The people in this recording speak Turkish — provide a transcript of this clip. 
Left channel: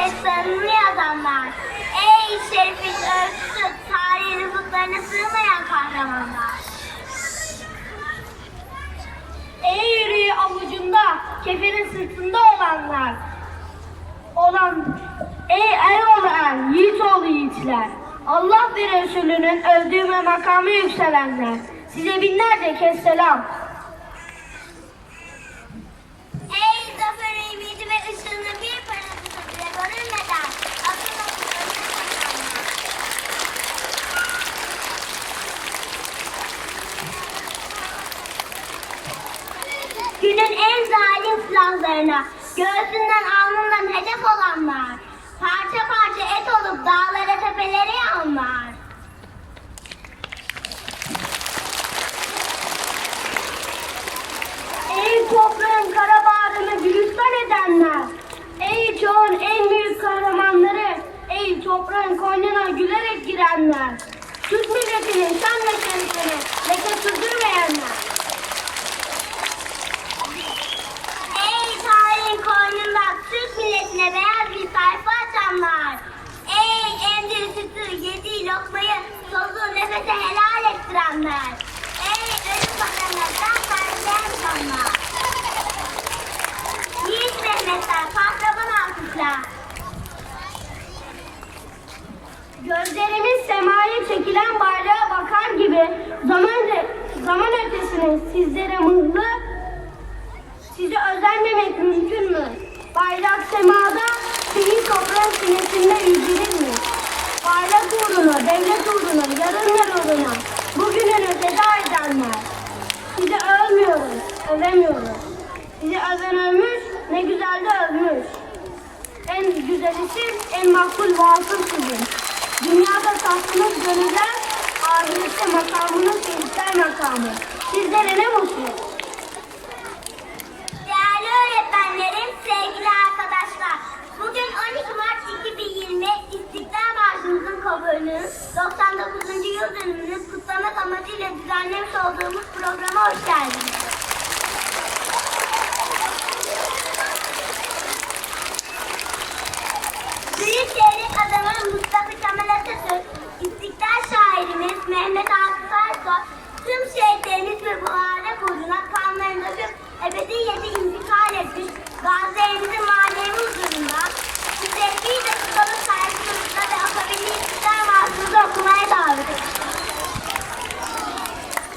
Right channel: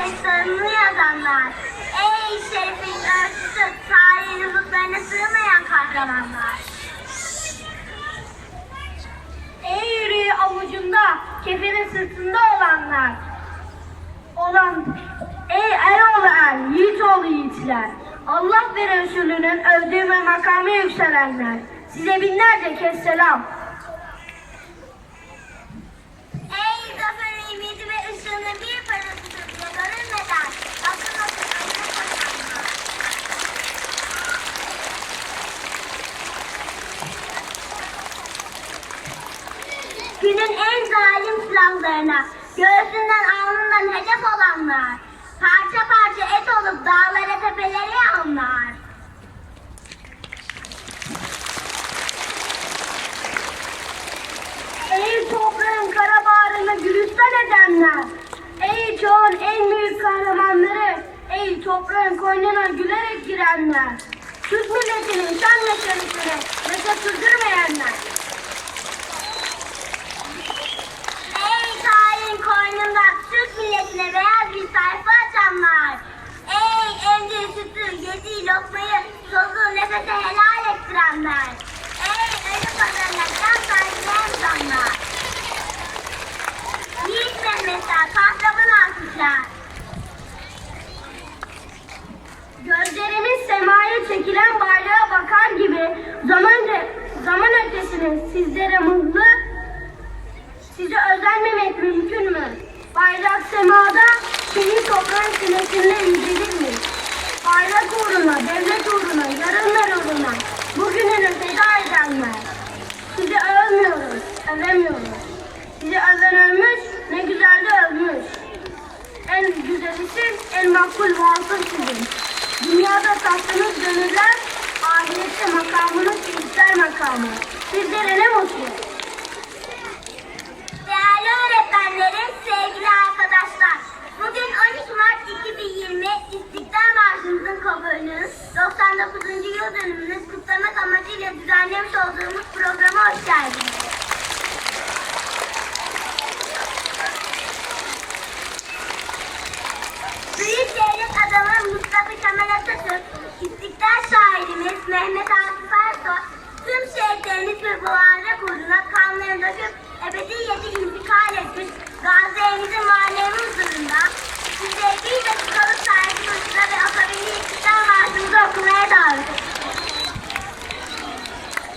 destanını yazanlar. Ey Şerif'in ölçüsü, tarihin rızıklarına sığmayan kahramanlar. Ey yüreği avucunda, keferin sırtında olanlar. Olan, ey er, yiğit oğlu yiğitler. Allah ve Resulünün övdüğü ve makamı yükselenler. Size binlerce kez selam. Günün en zalim silahlarına, göğsünden alnından hedef olanlar. Parça parça et olup dağlara tepelere yanlar. Ey toprağın kara bağrını gülüşten edenler. Ey çağın en büyük kahramanları. Ey toprağın koynuna gülerek girenler. Türk milletinin şan ve şerefini Mehmetler kahraman alkışlar. Gözlerimiz semaya çekilen bayrağa bakar gibi zaman, zaman ötesini sizlere mıhlı Size özenmemek mümkün mü? Bayrak semada, şehit toprağın sinesinde yücelir mi? Bayrak uğruna, devlet uğruna, yarınlar uğruna, bugününü feda edenler. Sizi övmüyoruz, övemiyoruz. Sizi öven övmüş, ne güzel de övmüş. En güzeli siz, en makbul vasıl sizin. Dünyada tahtınız gönüller, ahirette makamınız şehitler makamı. Sizlere ne mutlu. Değerli öğretmenlerim, sevgili arkadaşlar. Bugün 12 Mart 2020 İstiklal Marşımızın kabulünün 99. yıl dönümünü kutlamak amacıyla düzenlemiş olduğumuz programa hoş geldiniz. Gazi Kemal Atatürk, İstiklal şairimiz Mehmet Akif Ersoy, tüm şehitlerimiz ve bu uğurda kanlarında gök ebedi yedi imza